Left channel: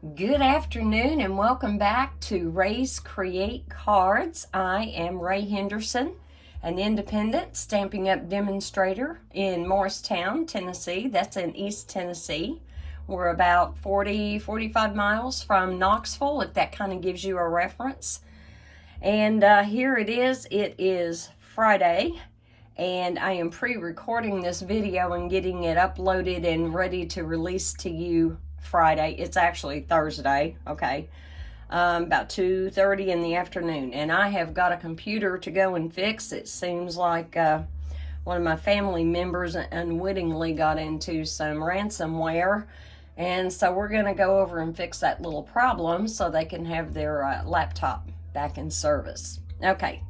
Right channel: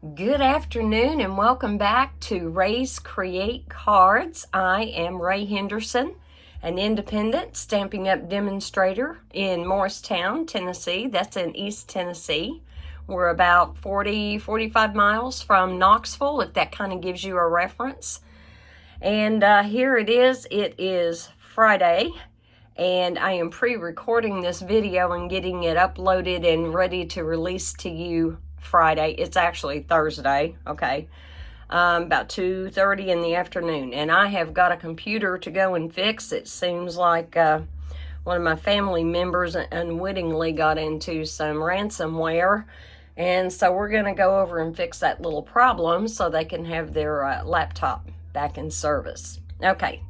Good afternoon and welcome back to Ray's Create Cards. I am Ray Henderson, an independent Stampin' Up! Demonstrator in Morristown, Tennessee. That's in East Tennessee. We're about 45 miles from Knoxville, if that kind of gives you a reference. And here it is Friday, and I am pre-recording this video and getting it uploaded and ready to release to you Friday. It's actually Thursday, okay, about 2:30 in the afternoon, and I have got a computer to go and fix. It seems like one of my family members unwittingly got into some ransomware, and so we're going to go over and fix that little problem so they can have their laptop back in service. Okay,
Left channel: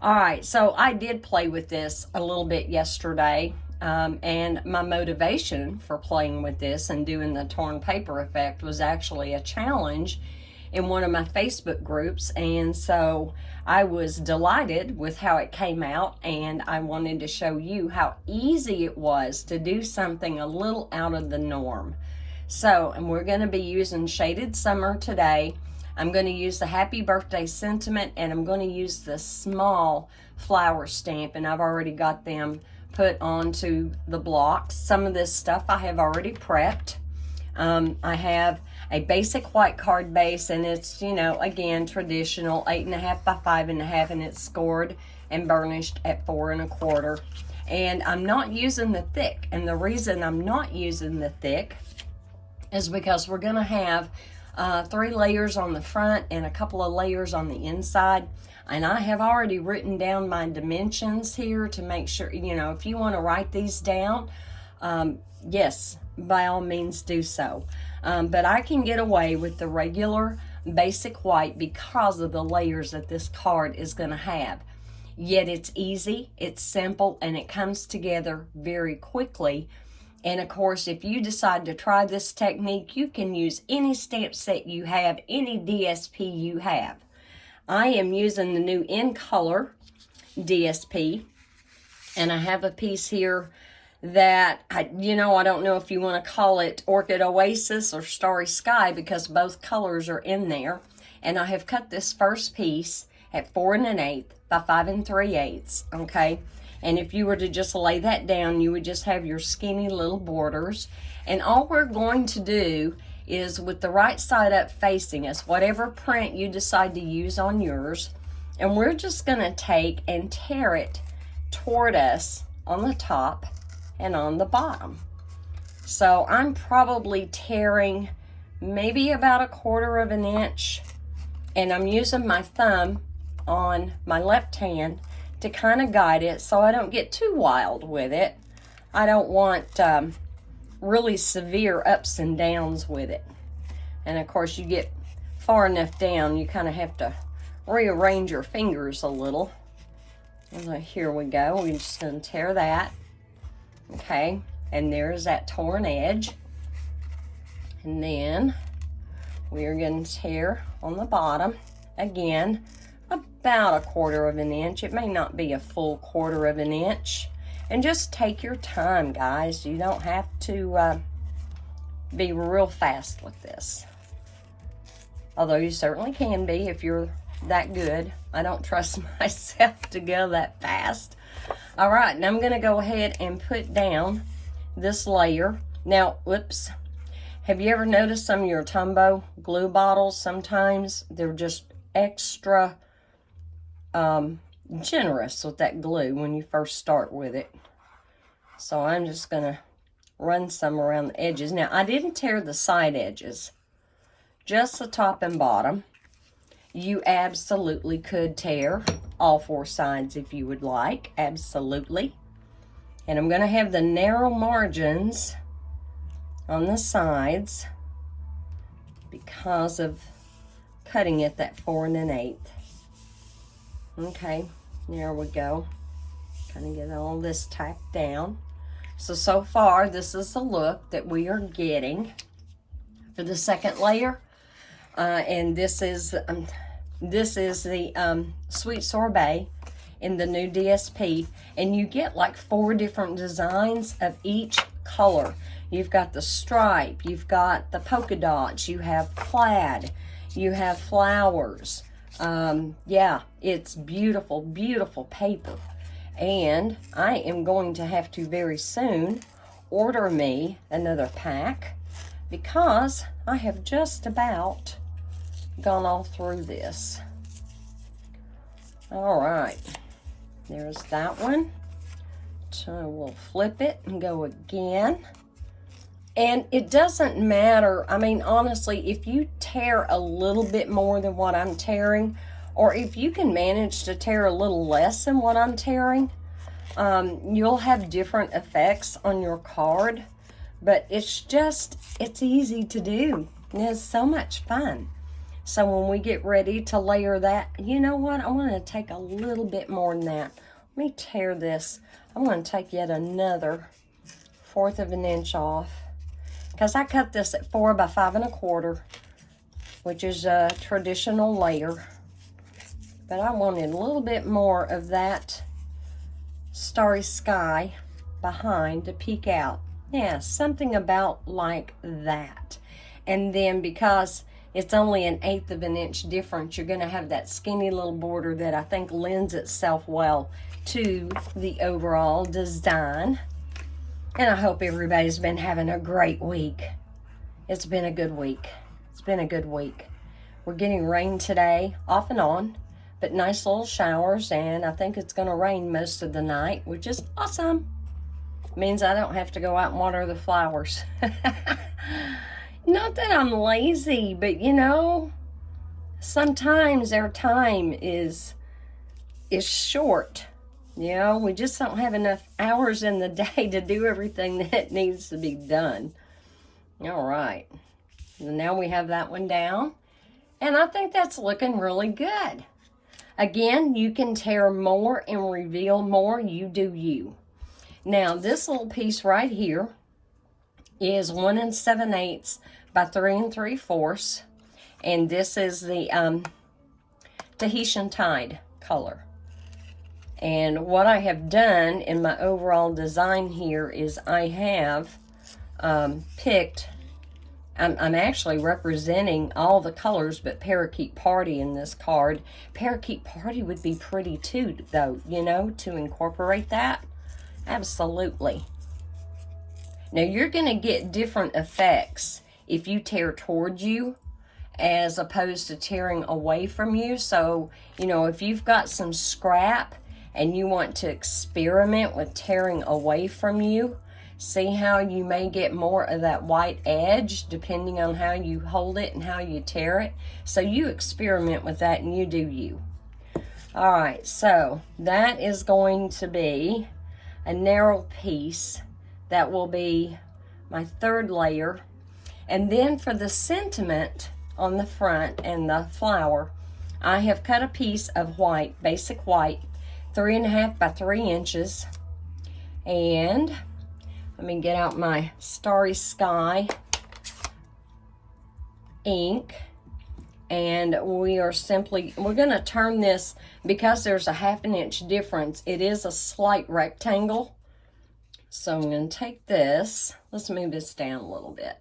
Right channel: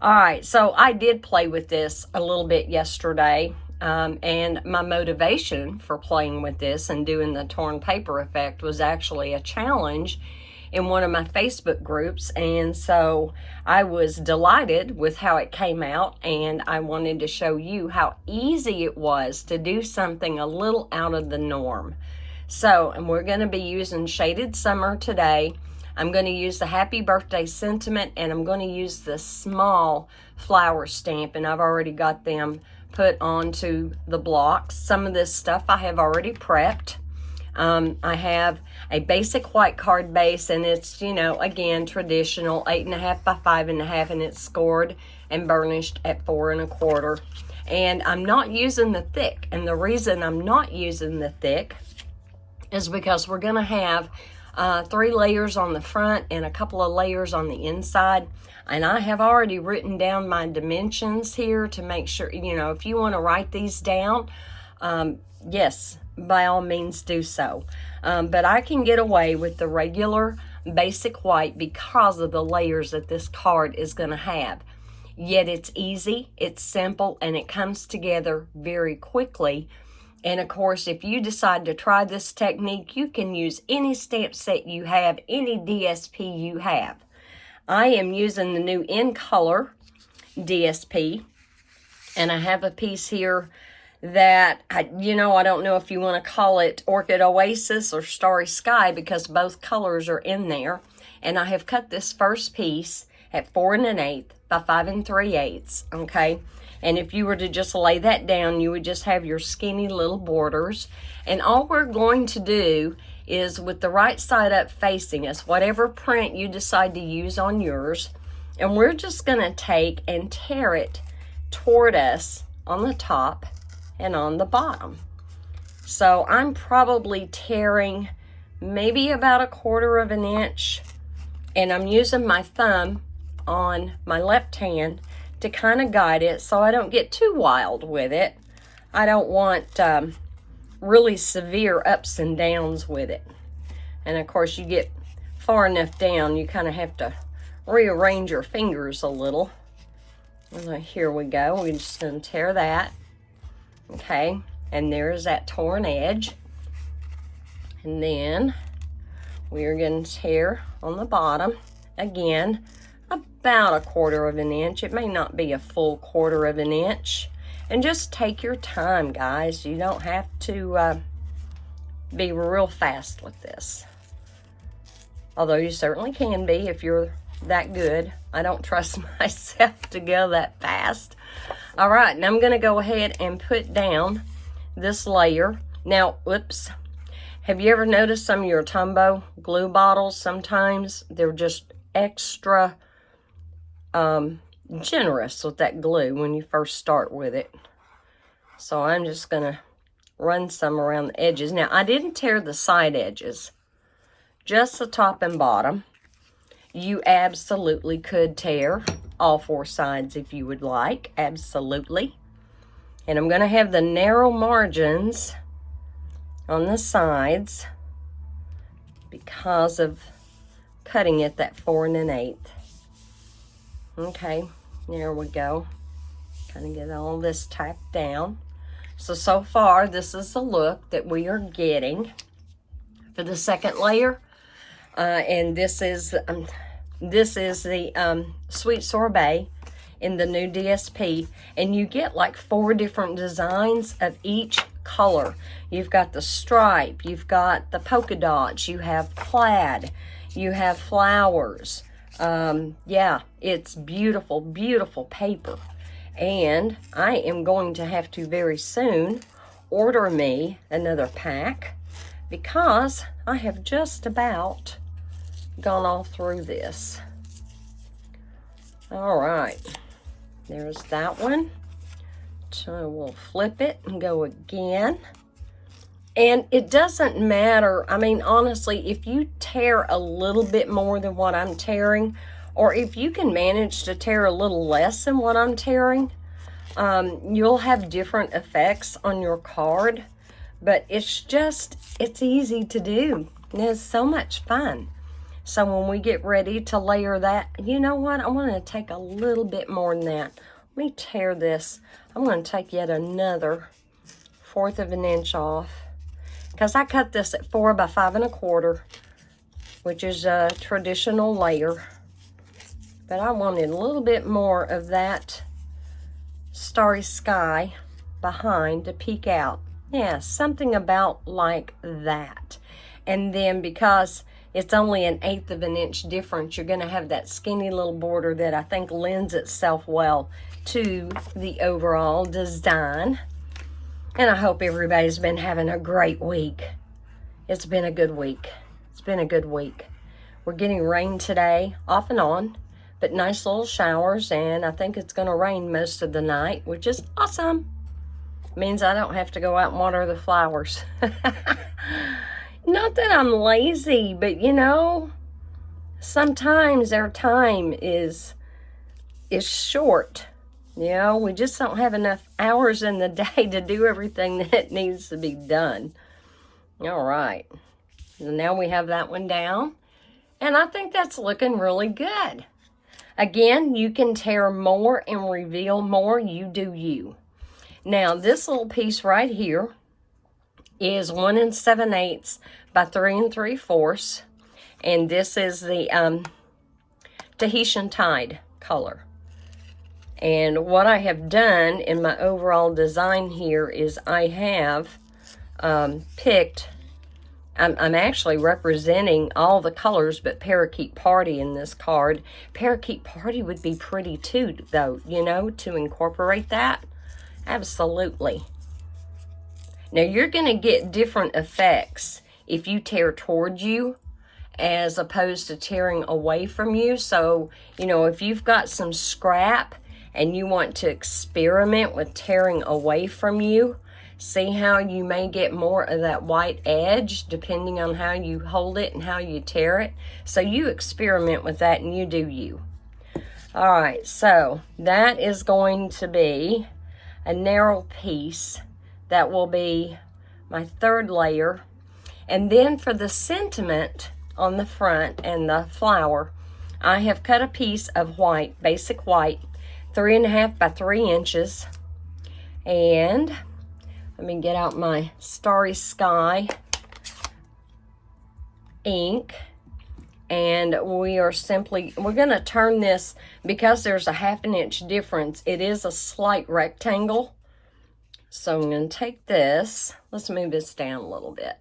all right, so I did play with this a little bit yesterday. And my motivation for playing with this and doing the torn paper effect was actually a challenge in one of my Facebook groups, and so I was delighted with how it came out, and I wanted to show you how easy it was to do something a little out of the norm. So, and we're going to be using Shaded Summer today. I'm going to use the Happy Birthday Sentiment, and I'm going to use the small flower stamp, and I've already got them put onto the blocks. Some of this stuff I have already prepped. I have a basic white card base, and it's, you know, again, traditional 8.5 by 5.5, and it's scored and burnished at 4 1/4. And I'm not using the thick, and the reason I'm not using the thick is because we're going to have 3 layers on the front and a couple of layers on the inside. And I have already written down my dimensions here to make sure, you know, if you want to write these down, yes, by all means do so. But I can get away with the regular basic white because of the layers that this card is going to have. Yet it's easy, it's simple, and it comes together very quickly. And of course, if you decide to try this technique, you can use any stamp set you have, any DSP you have. I am using the new In Color DSP, and I have a piece here that, I don't know if you want to call it Orchid Oasis or Starry Sky, because both colors are in there. And I have cut this first piece at 4 1/8 by 5 3/8, okay? And if you were to just lay that down, you would just have your skinny little borders. And all we're going to do is, with the right side up facing us, whatever print you decide to use on yours, and we're just going to take and tear it toward us on the top and on the bottom. So I'm probably tearing maybe about 1/4 inch, and I'm using my thumb on my left hand to kind of guide it so I don't get too wild with it. I don't want really severe ups and downs with it. And of course, you get far enough down, you kind of have to rearrange your fingers a little. And here we go. We're just going to tear that. Okay, and there's that torn edge. And then we're going to tear on the bottom again about 1/4 inch. It may not be a full 1/4 inch. And just take your time, guys. You don't have to be real fast with this. Although you certainly can be if you're that good. I don't trust myself to go that fast. All right, and I'm going to go ahead and put down this layer. Now, whoops. Have you ever noticed some of your Tombow glue bottles? Sometimes they're just extra generous with that glue when you first start with it. So I'm just going to run some around the edges. Now, I didn't tear the side edges, just the top and bottom. You absolutely could tear all 4 sides if you would like, absolutely. And I'm going to have the narrow margins on the sides because of cutting it that 4 1/8. Okay, there we go. Kind of get all this tacked down. So far, this is the look that we are getting for the second layer. And this is the Sweet Sorbet in the new DSP. And you get like 4 different designs of each color. You've got the stripe, you've got the polka dots, you have plaid, you have flowers. Yeah, it's beautiful, beautiful paper. And I am going to have to very soon order me another pack because I have just about gone all through this. All right, there's that one. So we'll flip it and go again. And it doesn't matter. I mean, honestly, if you tear a little bit more than what I'm tearing, or if you can manage to tear a little less than what I'm tearing, you'll have different effects on your card. But it's easy to do. And it's so much fun. So when we get ready to layer that, you know what? I'm going to take a little bit more than that. Let me tear this. I'm going to take yet another 1/4 of an inch off. Because I cut this at 4 by 5 1/4, which is a traditional layer. But I wanted a little bit more of that starry sky behind to peek out. Yeah, something about like that. And then because it's only an 1/8 of an inch difference, you're going to have that skinny little border that I think lends itself well to the overall design. And I hope everybody's been having a great week. It's been a good week. It's been a good week. We're getting rain today, off and on, but nice little showers, and I think it's going to rain most of the night, which is awesome. Means I don't have to go out and water the flowers. Not that I'm lazy, but you know, sometimes our time is short. You know, we just don't have enough hours in the day to do everything that needs to be done. All right. Now we have that one down. And I think that's looking really good. Again, you can tear more and reveal more. You do you. Now, this little piece right here is 1 7/8 by 3 3/4. And this is the Tahitian Tide color. And what I have done in my overall design here is I have picked, I'm actually representing all the colors but Parakeet Party in this card. Parakeet Party would be pretty too, though, you know, to incorporate that. Absolutely. Now, you're going to get different effects if you tear towards you as opposed to tearing away from you. So, you know, if you've got some scrap and you want to experiment with tearing away from you, see how you may get more of that white edge depending on how you hold it and how you tear it. So you experiment with that and you do you. All right, so that is going to be a narrow piece. That will be my 3rd layer. And then for the sentiment on the front and the flower, I have cut a piece of white, basic white, 3 1/2 by 3 inches. And let me get out my Starry Sky ink. And we're going to turn this, because there's a 1/2 inch difference, it is a slight rectangle. So I'm going to take this, let's move this down a little bit.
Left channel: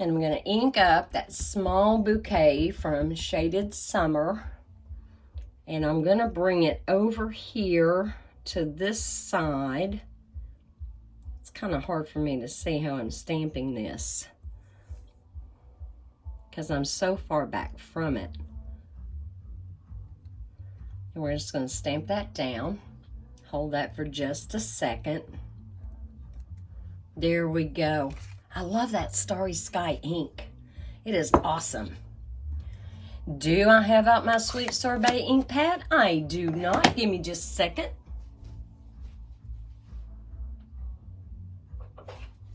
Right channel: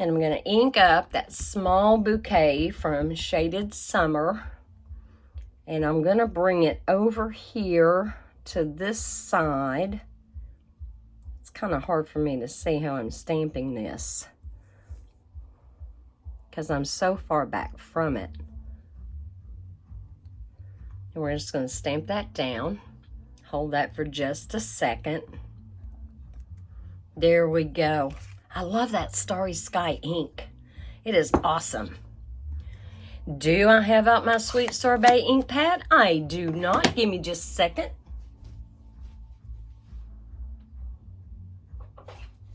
And I'm going to ink up that small bouquet from Shaded Summer. And I'm going to bring it over here to this side. It's kind of hard for me to see how I'm stamping this because I'm so far back from it. And we're just going to stamp that down. Hold that for just a second. There we go. I love that Starry Sky ink. It is awesome. Do I have out my Sweet Sorbet ink pad? I do not. Give me just a second.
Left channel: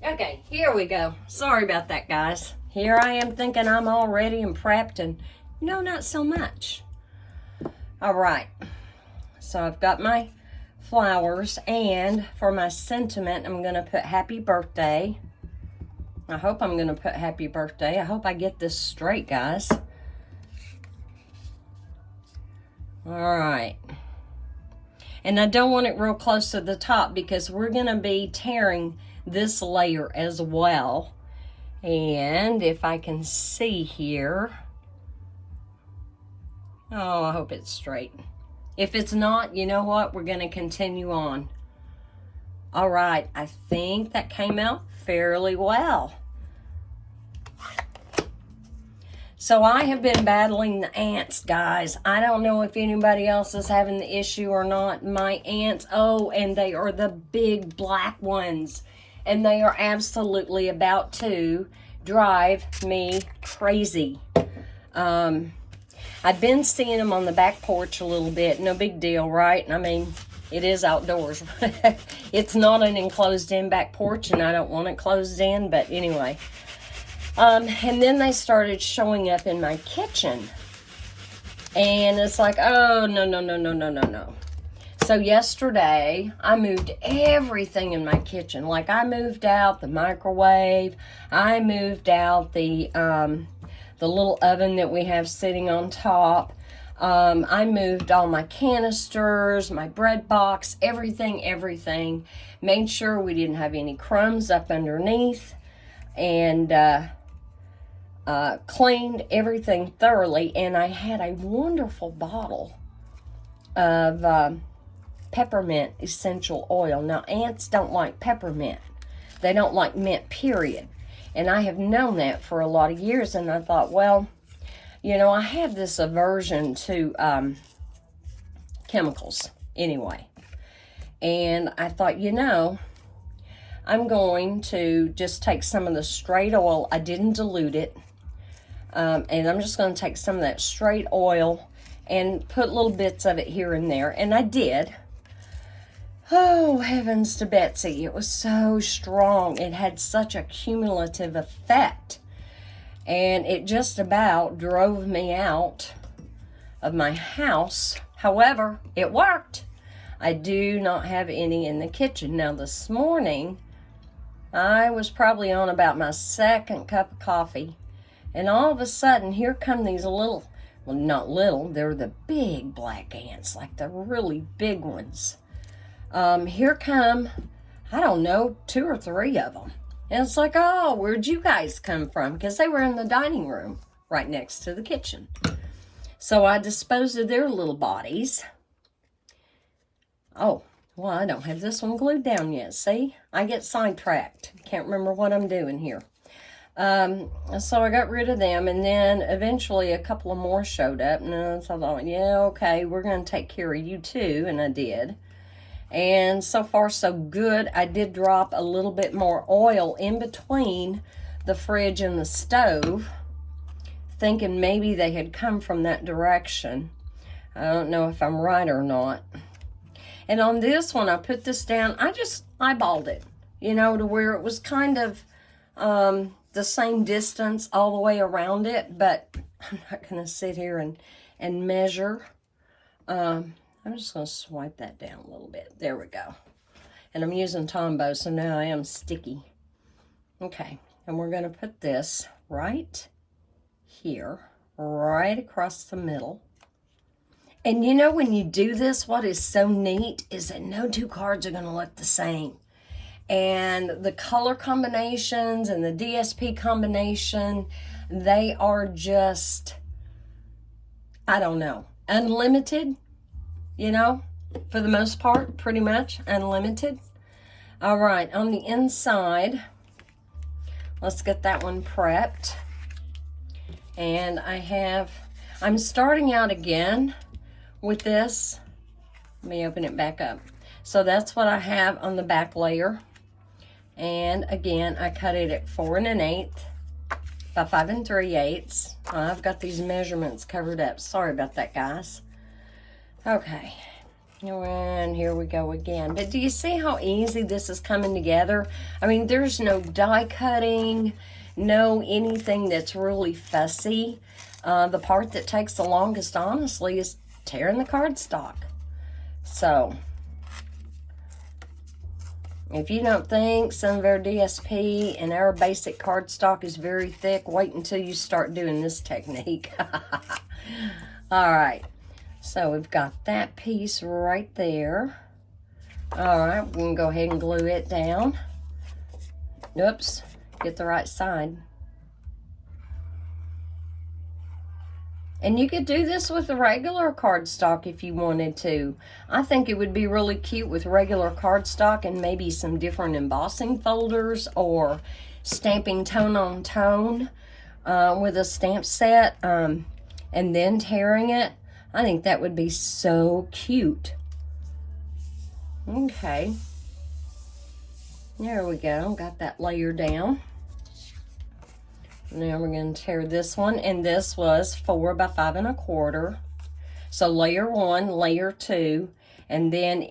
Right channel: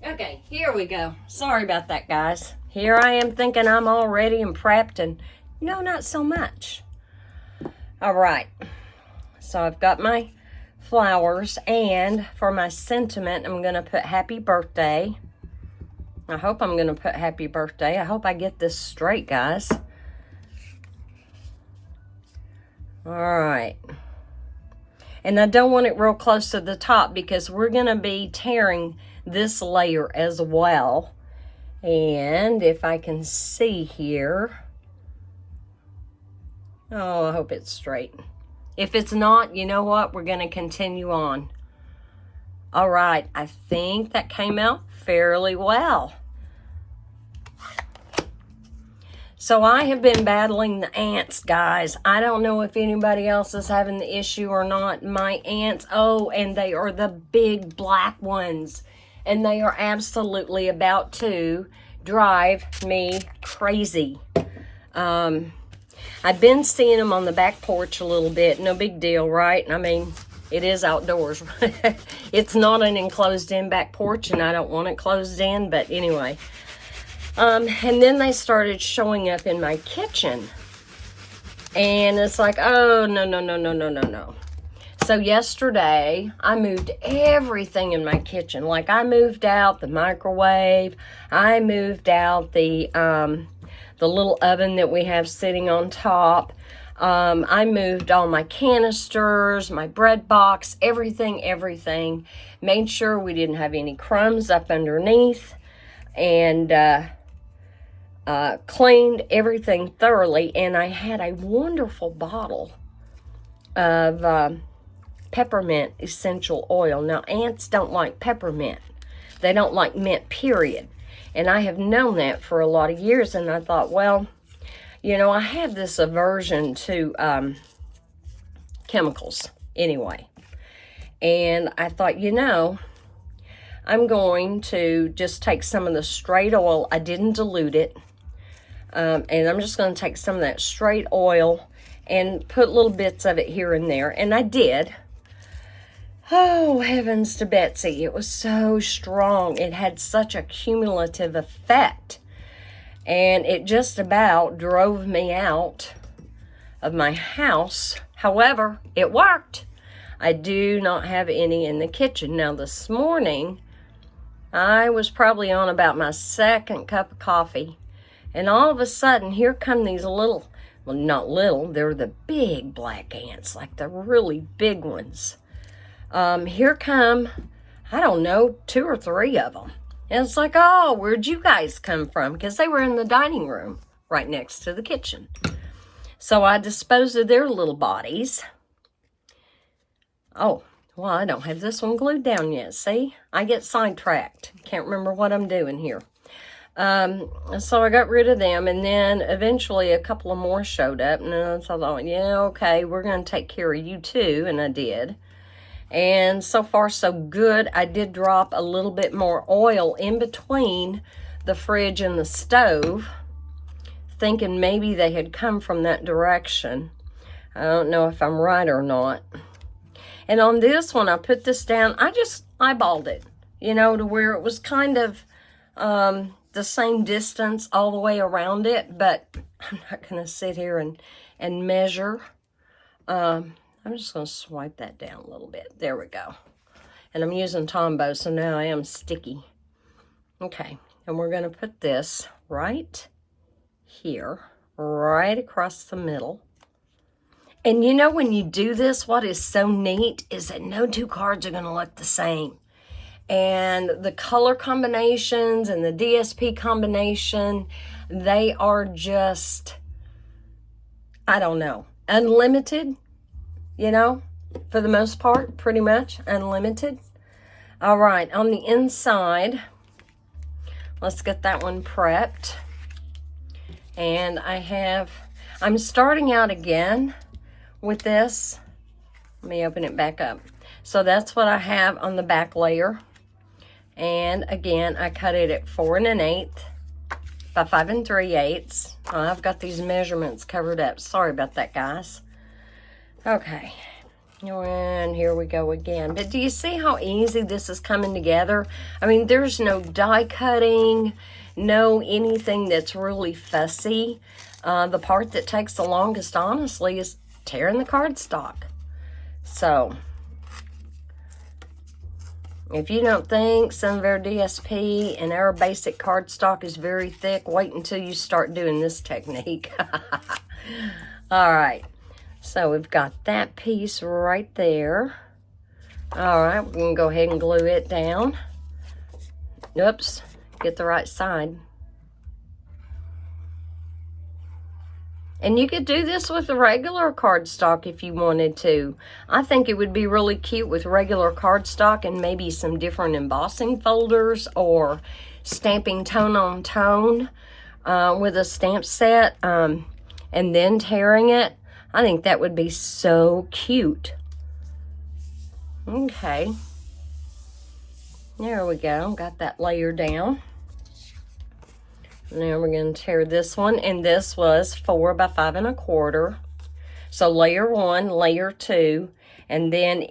Okay, here we go. Sorry about that, guys. Here I am thinking I'm all ready and prepped, and no, not so much. All right. So I've got my flowers, and for my sentiment, I'm going to put happy birthday. I hope I'm going to put happy birthday. I hope I get this straight, guys. All right. And I don't want it real close to the top because we're going to be tearing this layer as well. And if I can see here, oh, I hope it's straight. If it's not, you know what? We're going to continue on. All right, I think that came out fairly well. So I have been battling the ants, guys. I don't know if anybody else is having the issue or not. My ants, oh, and they are the big black ones. And they are absolutely about to drive me crazy. I've been seeing them on the back porch a little bit. No big deal, right? I mean, it is outdoors. It's not an enclosed-in back porch, and I don't want it closed in, but anyway. And then they started showing up in my kitchen. And it's like, oh, no. So yesterday, I moved everything in my kitchen. Like, I moved out the microwave. I moved out the little oven that we have sitting on top. I moved all my canisters, my bread box, everything. Made sure we didn't have any crumbs up underneath. And cleaned everything thoroughly. And I had a wonderful bottle of peppermint essential oil. Now, ants don't like peppermint. They don't like mint, period. And I have known that for a lot of years. And I thought, well, you know, I have this aversion to chemicals anyway. And I thought, you know, I'm going to just take some of the straight oil. I didn't dilute it. And I'm just going to take some of that straight oil and put little bits of it here and there. And I did. Oh, heavens to Betsy. It was so strong. It had such a cumulative effect. And it just about drove me out of my house. However, it worked. I do not have any in the kitchen. Now, this morning, I was probably on about my second cup of coffee. And all of a sudden, here come these little, well, not little, they're the big black ants, like the really big ones. Here come, I don't know, 2 or 3 of them. And it's like, oh, where'd you guys come from? Because they were in the dining room right next to the kitchen. So I disposed of their little bodies. Oh, well, I don't have this one glued down yet. See, I get sidetracked. Can't remember what I'm doing here. So I got rid of them, and then eventually a couple of more showed up, and I thought, yeah, okay, we're going to take care of you too, and I did. And so far, so good. I did drop a little bit more oil in between the fridge and the stove, thinking maybe they had come from that direction. I don't know if I'm right or not. And on this one, I put this down. I just eyeballed it, you know, to where it was kind of the same distance all the way around it. But I'm not going to sit here and measure. I'm just going to swipe that down a little bit. There we go. And I'm using Tombow, so now I am sticky. Okay, and we're going to put this right here, right across the middle. And you know, when you do this, what is so neat is that no 2 cards are going to look the same. And the color combinations and the DSP combination, they are just, I don't know, unlimited. You know, for the most part, pretty much unlimited. All right, on the inside, let's get that one prepped. And I'm starting out again with this. Let me open it back up. So that's what I have on the back layer. And again, I cut it at 4 1/8 by 5 3/8. Oh, I've got these measurements covered up. Sorry about that, guys. Okay, and here we go again. But do you see how easy this is coming together? I mean, there's no die cutting, no anything that's really fussy. The part that takes the longest, honestly, is tearing the cardstock. So, if you don't think some of our DSP and our basic cardstock is very thick, wait until you start doing this technique. All right. So we've got that piece right there. All right, we're going to go ahead and glue it down. Oops, get the right side. And you could do this with a regular cardstock if you wanted to. I think it would be really cute with regular cardstock and maybe some different embossing folders or stamping tone on tone with a stamp set and then tearing it. I think that would be so cute. Okay. There we go. Got that layer down. Now we're going to tear this one, and this was 4 by 5 1/4. So layer 1, layer 2, and then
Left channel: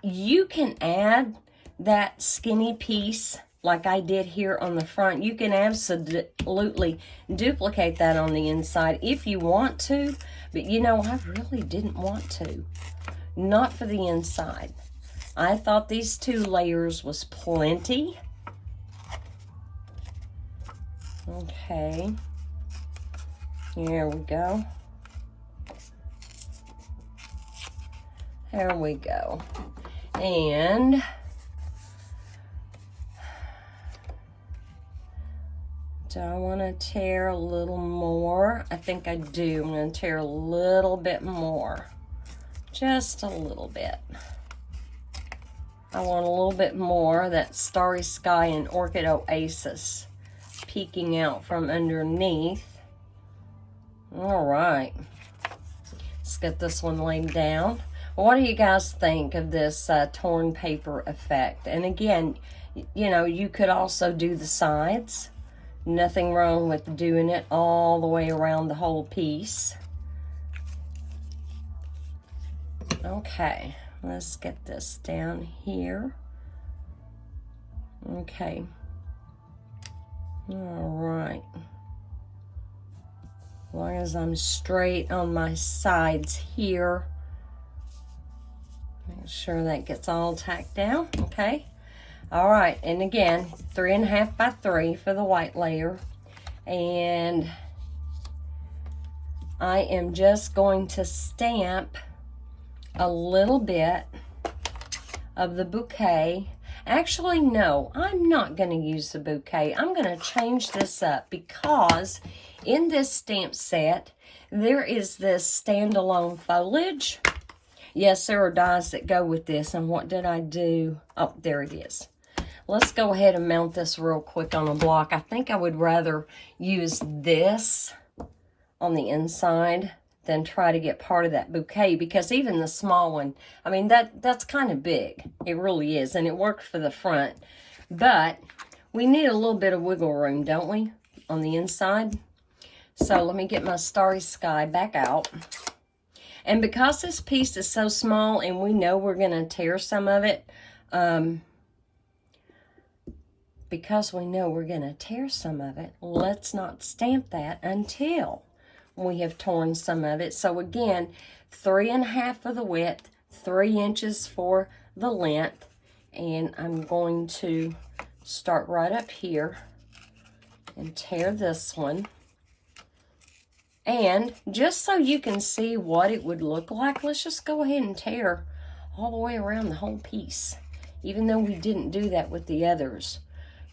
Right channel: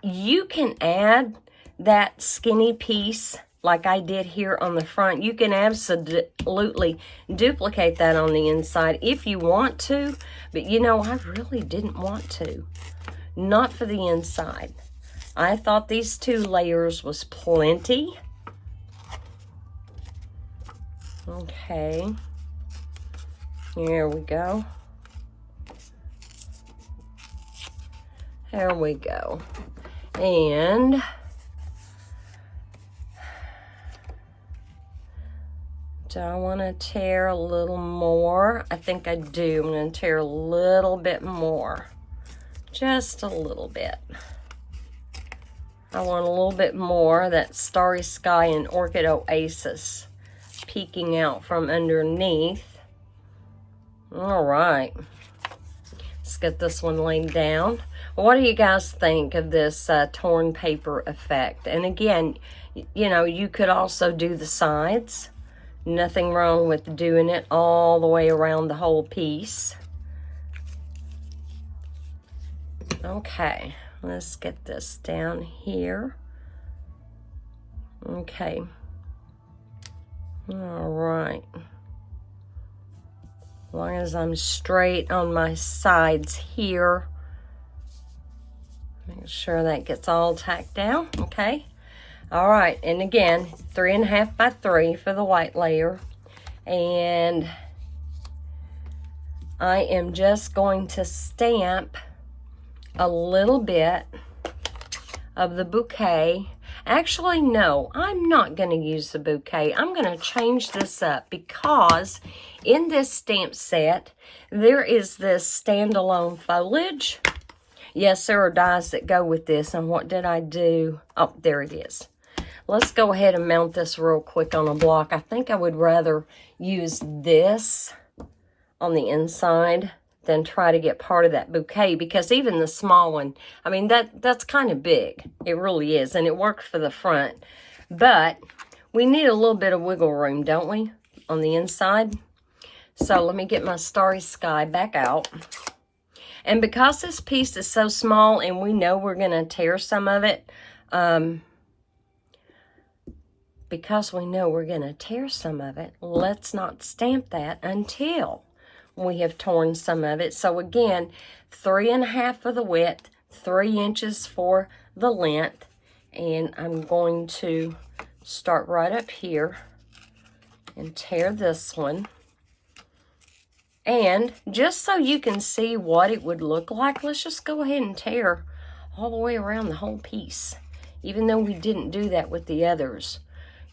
you can add that skinny piece like I did here on the front. You can absolutely duplicate that on the inside if you want to, but you know, I really didn't want to. Not for the inside. I thought these 2 layers was plenty. Okay, here we go. There we go. And do I want to tear a little more? I think I do. I'm going to tear a little bit more. Just a little bit. I want a little bit more of that Starry Sky and Orchid Oasis peeking out from underneath. All right, let's get this one laid down. What do you guys think of this torn paper effect? And again, you know, you could also do the sides. Nothing wrong with doing it all the way around the whole piece. Okay, let's get this down here. Okay. All right. As long as I'm straight on my sides here. Make sure that gets all tacked down. Okay. All right. And again, 3 1/2 by 3 for the white layer. And I am just going to stamp a little bit of the bouquet. Actually, no, I'm not going to use the bouquet. I'm going to change this up because in this stamp set, there is this standalone foliage. Yes, there are dies that go with this. And what did I do? Oh, there it is. Let's go ahead and mount this real quick on a block. I think I would rather use this on the inside than try to get part of that bouquet, because even the small one, I mean, that's kind of big. It really is, and it worked for the front. But we need a little bit of wiggle room, don't we, on the inside? So let me get my Starry Sky back out. And because this piece is so small and we know we're going to tear some of it, let's not stamp that until we have torn some of it. So again, 3 1/2 for the width, 3 inches for the length, and I'm going to start right up here and tear this one. And just so you can see what it would look like, let's just go ahead and tear all the way around the whole piece, even though we didn't do that with the others.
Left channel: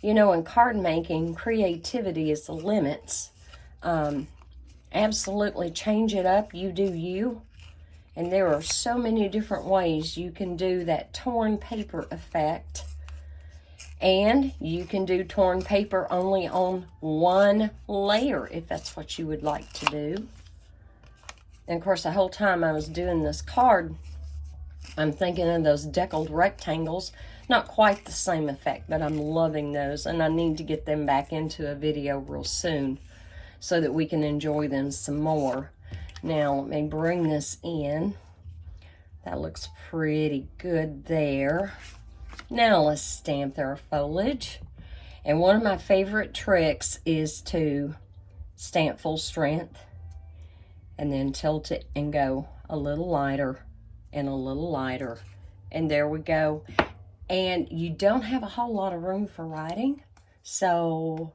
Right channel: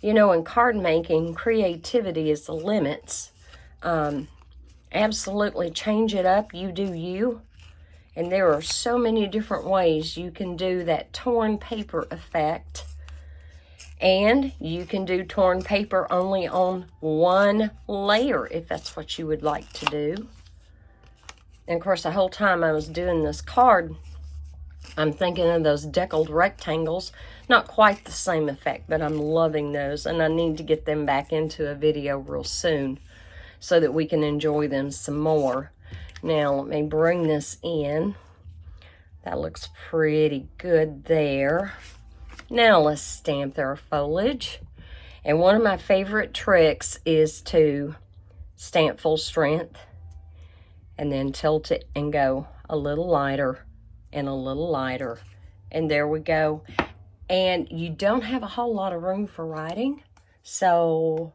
You know, in card making, creativity is the limits. Absolutely change it up. You do you. And there are so many different ways you can do that torn paper effect. And you can do torn paper only on one layer if that's what you would like to do. And of course, the whole time I was doing this card, I'm thinking of those deckled rectangles. Not quite the same effect, but I'm loving those. And I need to get them back into a video real soon so that we can enjoy them some more. Now, let me bring this in. That looks pretty good there. Now, let's stamp our foliage. And one of my favorite tricks is to stamp full strength and then tilt it and go a little lighter and a little lighter. And there we go. And you don't have a whole lot of room for writing. So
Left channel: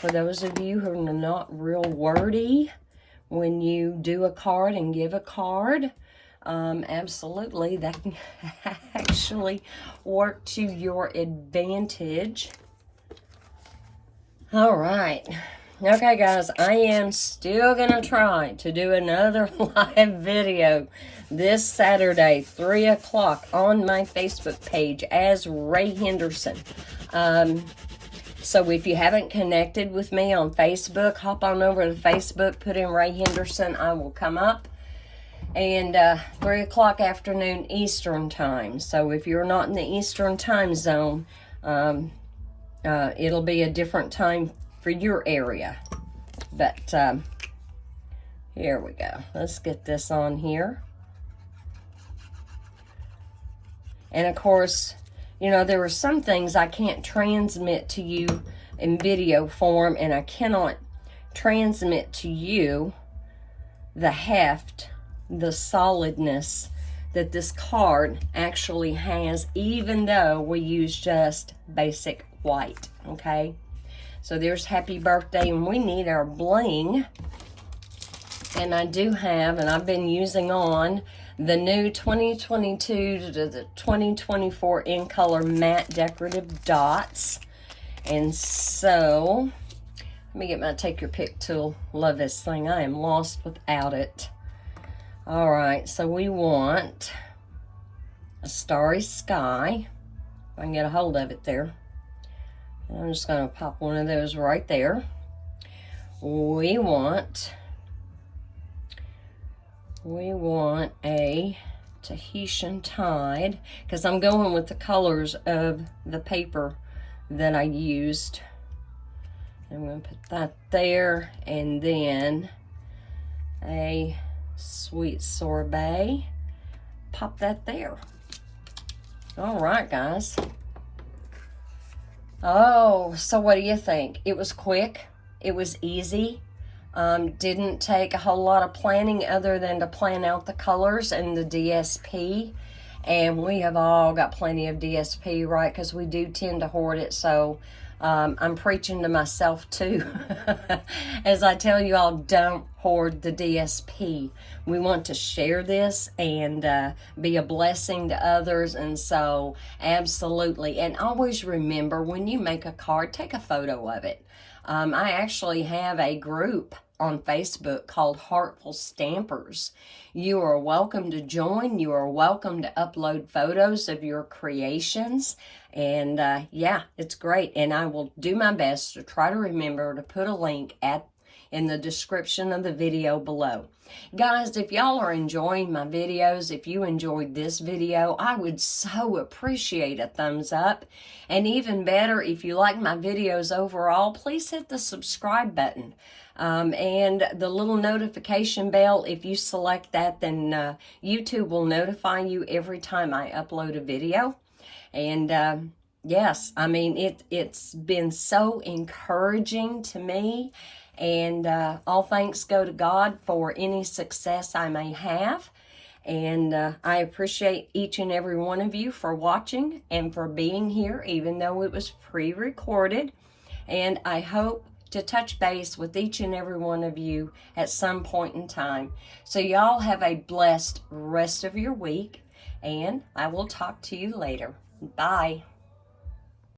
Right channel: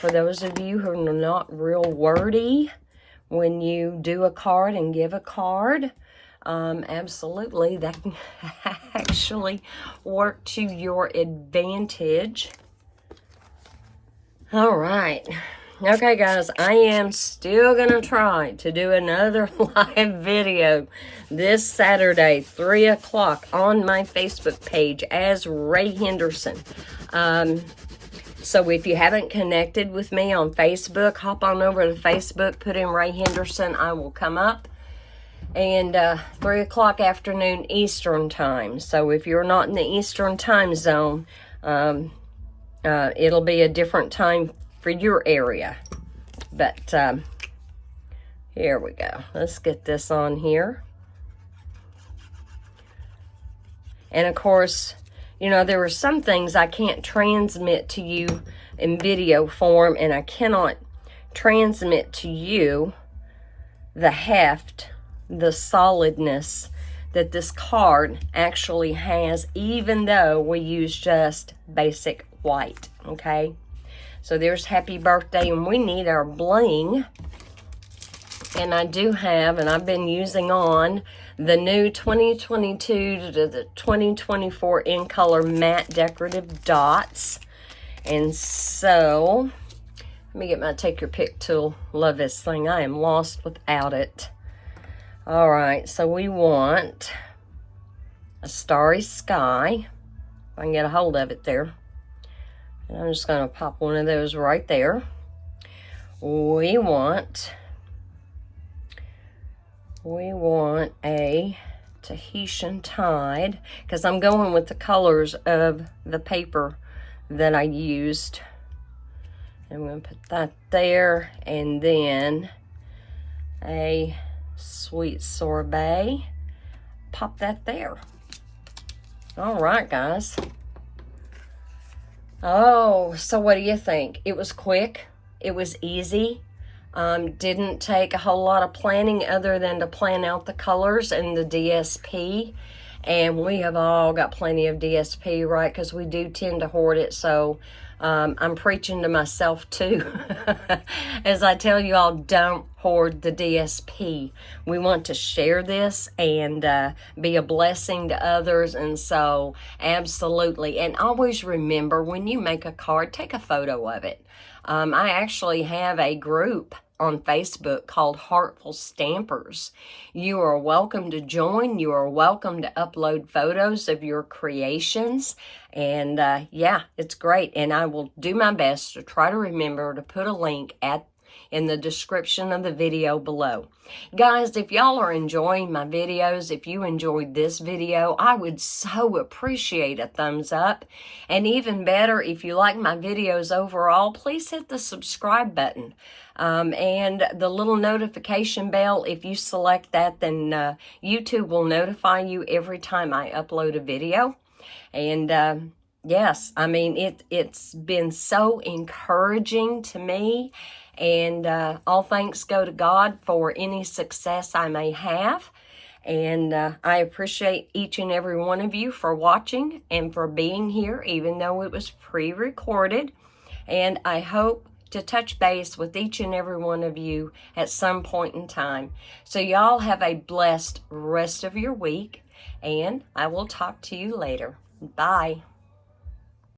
for those of you who are not real wordy, when you do a card and give a card, absolutely, that can actually work to your advantage. All right. Okay, guys, I am still going to try to do another live video this Saturday, 3 o'clock, on my Facebook page as Ray Henderson. So if you haven't connected with me on Facebook, hop on over to Facebook, put in Ray Henderson. I will come up. And 3 o'clock afternoon Eastern time. So if you're not in the Eastern time zone, it'll be a different time for your area. But here we go. Let's get this on here. And of course, you know, there are some things I can't transmit to you in video form, and I cannot transmit to you the heft, the solidness that this card actually has, even though we use just basic white. Okay, so there's happy birthday, and we need our bling. And I do have, and I've been using on the new 2022 to the 2024 in color matte decorative dots. And so let me get my take your pick tool. Love this thing. I am lost without it. All right, so we want a starry sky. If I can get a hold of it there. And I'm just going to pop one of those right there. We want a Tahitian tide, because I'm going with the colors of the paper that I used. I'm going to put that there, and then a sweet sorbet. Pop that there. All right, guys. Oh, so what do you think? It was quick. It was easy. Didn't take a whole lot of planning other than to plan out the colors and the DSP. And we have all got plenty of DSP, right? Because we do tend to hoard it. So I'm preaching to myself too. As I tell you all, don't hoard the DSP. We want to share this and be a blessing to others. And so absolutely. And always remember, when you make a card, take a photo of it. I actually have a group on Facebook called Heartful Stampers. You are welcome to join. You are welcome to upload photos of your creations. And yeah, it's great. And I will do my best to try to remember to put a link in the description of the video below. Guys, if y'all are enjoying my videos, if you enjoyed this video, I would so appreciate a thumbs up. And even better, if you like my videos overall, please hit the subscribe button. And the little notification bell, if you select that, then YouTube will notify you every time I upload a video. And yes, I mean, it's been so encouraging to me. And all thanks go to God for any success I may have. And I appreciate each and every one of you for watching and for being here, even though it was pre-recorded. And I hope to touch base with each and every one of you at some point in time. So y'all have a blessed rest of your week, and I will talk to you later. Bye.